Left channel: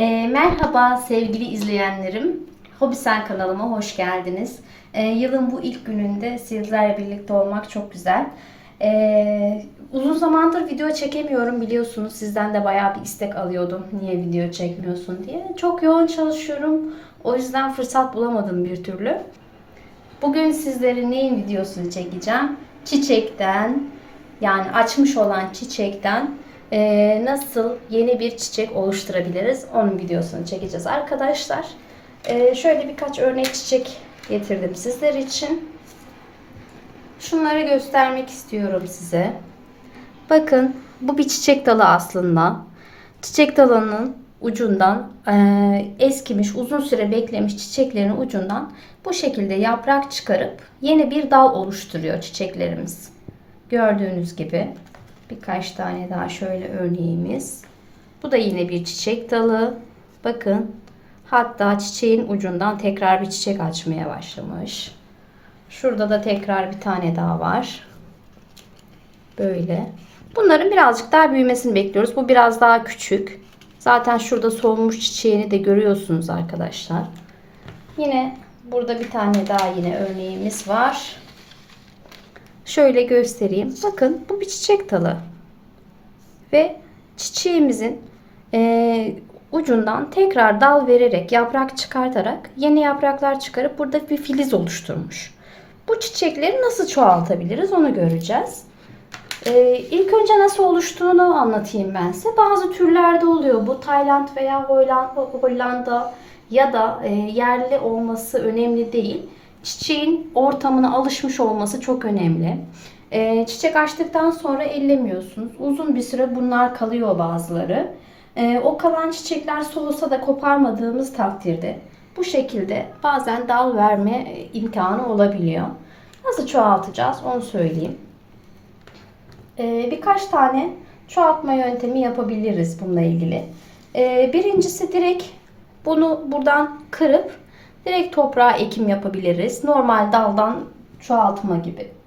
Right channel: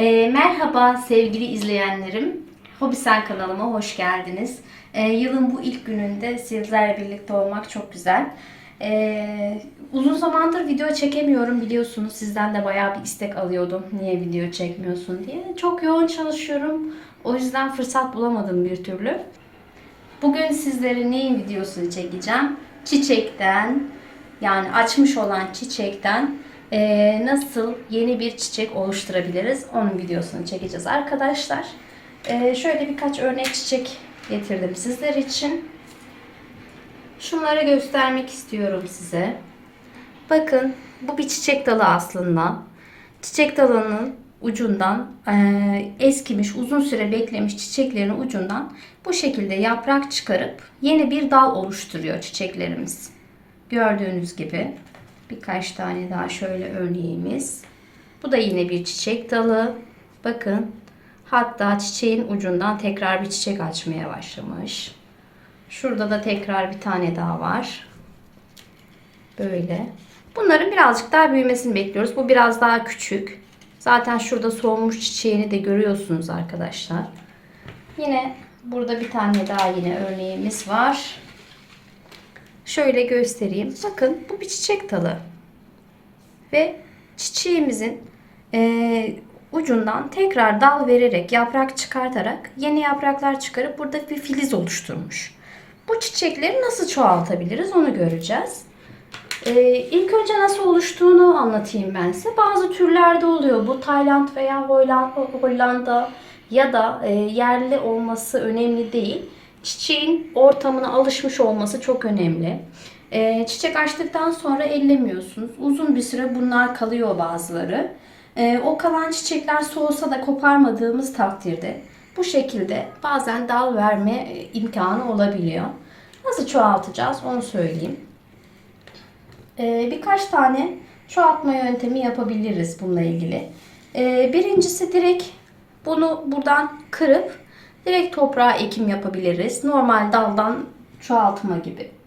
Ee, merhaba sevgili izleyenlerim. Hobisen kanalıma hoş geldiniz. Ee, yılın bu ilk gününde sizlerle birlikte olmak çok güzel. Ee, uzun zamandır video çekemiyorum biliyorsunuz. Sizden de bayağı bir istek alıyordum. Niye video çekmiyorsun diye. Çok yoğun çalışıyorum. O yüzden fırsat bulamadım bir türlü. Bugün sizlere neyin videosunu çekeceğim? Çiçekten yani açmış olan çiçekten eee, nasıl yeni bir çiçek oluşturabiliriz? Onun videosunu çekeceğiz arkadaşlar. Eee, şöyle birkaç örnek çiçek getirdim sizler için. Şunları göstermek istiyorum size. Bakın bu bir çiçek dalı aslında. Çiçek dalının ucundan eee, eskimiş, uzun süre beklemiş çiçeklerin ucundan bu şekilde yaprak çıkarıp yeni bir dal oluşturuyor çiçeklerimiz. Gördüğünüz gibi birkaç tane daha şöyle örneğimiz. Bu da yine bir çiçek dalı. Bakın hatta çiçeğin ucundan tekrar bir çiçek açmaya başlamış. Şurada da tekrar bir tane daha var. Böyle. Bunların birazcık daha büyümesini bekliyoruz. Bu biraz daha küçük. Zaten şurada solmuş çiçeğini de görüyorsunuz arkadaşlar. Yine burada bir tane daha yine örneğimiz var. Şöyle göstereyim. Bakın bu bir çiçek dalı. Ve çiçeğimizin eee, ucundan tekrar dal vererek, yaprak çıkartarak yeni yapraklar çıkarıp burada bir filiz oluşturmuş. Bu çiçekleri nasıl çoğaltabiliriz onu göreceğiz. Ee, ilk önce nasıl oluştuğunu anlatayım ben size. Bazı türlerde oluyor. Bu Tayland veya Hollanda ya da e, yerli olması önemli değil. Çiçeğin ortamına alışmış olması çok önemli. E, çiçek açtıktan sonra ellemiyorsunuz. Uzun bir süre bunlar kalıyor bazıları. E, o kalan çiçekler soğusa da koparmadığımız takdirde bu şekilde bazen dal verme e, imkanı olabiliyor. Nasıl çoğaltacağız onu söyleyeyim. Ee, birkaç tane çoğaltma yöntemi yapabiliriz bununla ilgili. Ee, birincisi direkt bunu buradan kırıp direkt toprağa ekim yapabiliriz. Normal daldan çoğaltma gibi.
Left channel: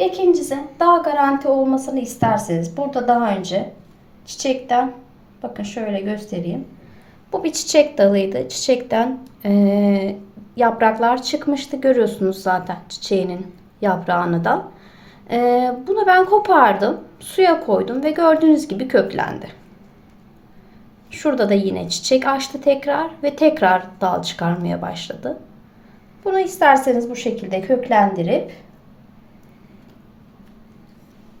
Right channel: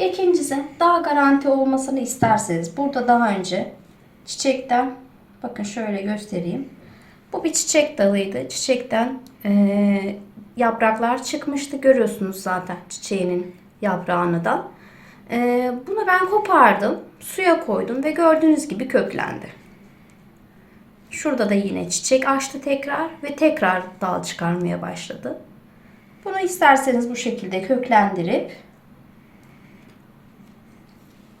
İkincisi daha garanti olmasını isterseniz burada daha önce çiçekten bakın şöyle göstereyim. Bu bir çiçek dalıydı. Çiçekten eee, yapraklar çıkmıştı. Görüyorsunuz zaten çiçeğinin yaprağını da. Eee, bunu ben kopardım. Suya koydum ve gördüğünüz gibi köklendi. Şurada da yine çiçek açtı tekrar ve tekrar dal çıkarmaya başladı. Bunu isterseniz bu şekilde köklendirip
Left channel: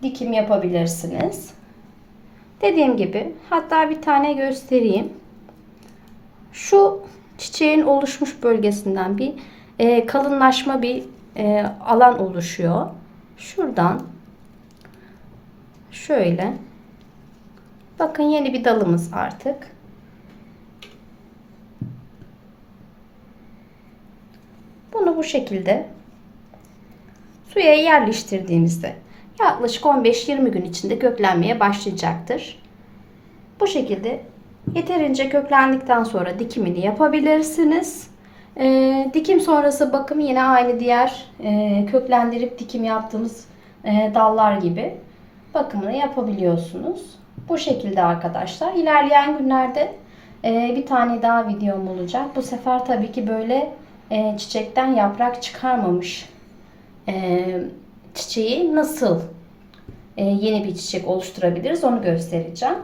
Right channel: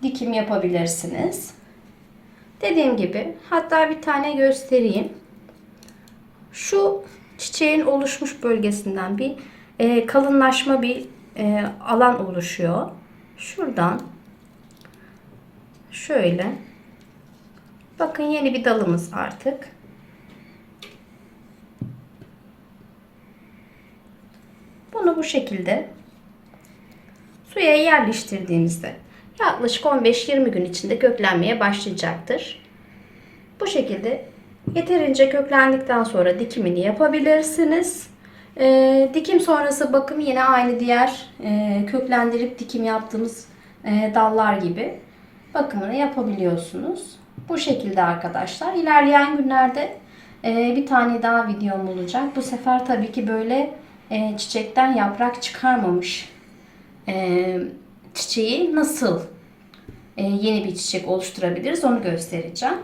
dikim yapabilirsiniz. Dediğim gibi hatta bir tane göstereyim. Şu çiçeğin oluşmuş bölgesinden bir e, kalınlaşma bir e, alan oluşuyor. Şuradan şöyle bakın yeni bir dalımız artık. Bunu bu şekilde suya yerleştirdiğimizde yaklaşık 15-20 gün içinde köklenmeye başlayacaktır. Bu şekilde yeterince köklendikten sonra dikimini yapabilirsiniz. Ee, dikim sonrası bakım yine aynı diğer e, köklendirip dikim yaptığımız e, dallar gibi bakımını yapabiliyorsunuz. Bu şekilde arkadaşlar. İlerleyen günlerde e, bir tane daha videom olacak. Bu sefer tabii ki böyle e, çiçekten yaprak çıkarmamış e, çiçeği nasıl e, yeni bir çiçek oluşturabiliriz onu göstereceğim.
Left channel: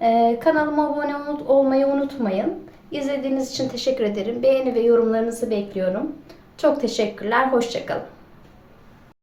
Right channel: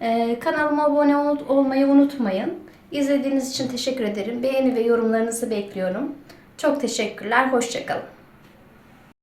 E, kanalıma abone ol- olmayı unutmayın. İzlediğiniz için teşekkür ederim. Beğeni ve yorumlarınızı bekliyorum. Çok teşekkürler. Hoşçakalın.